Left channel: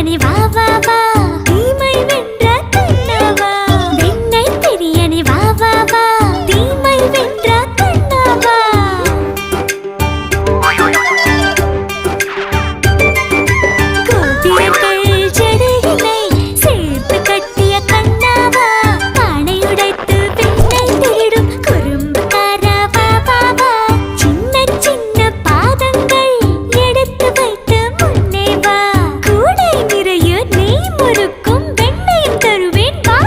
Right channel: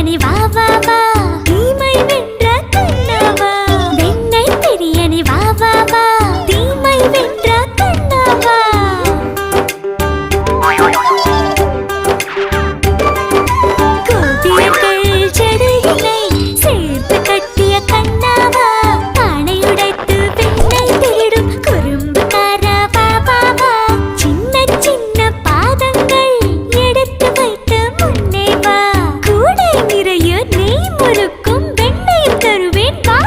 பிரியனே வா வா வா தீமை வென்ற கண்ணாவா வெண்ணை பிரியனே வா வா வா தீமை வென்ற கண்ணாவா கோபியர்கள் ஜடையினை சேர்த்து கட்டிய கண்ணாவா பானை உடைத்து வெண்ணை திருடும் குறும்புக்காரா வா வா வா சின்ன சின்ன பாதங்கள் எடுத்து வைத்து முன்னே வா கூடை நிறைய நெய் முறுக்கும் வெண்ணையும் தருவேன் வா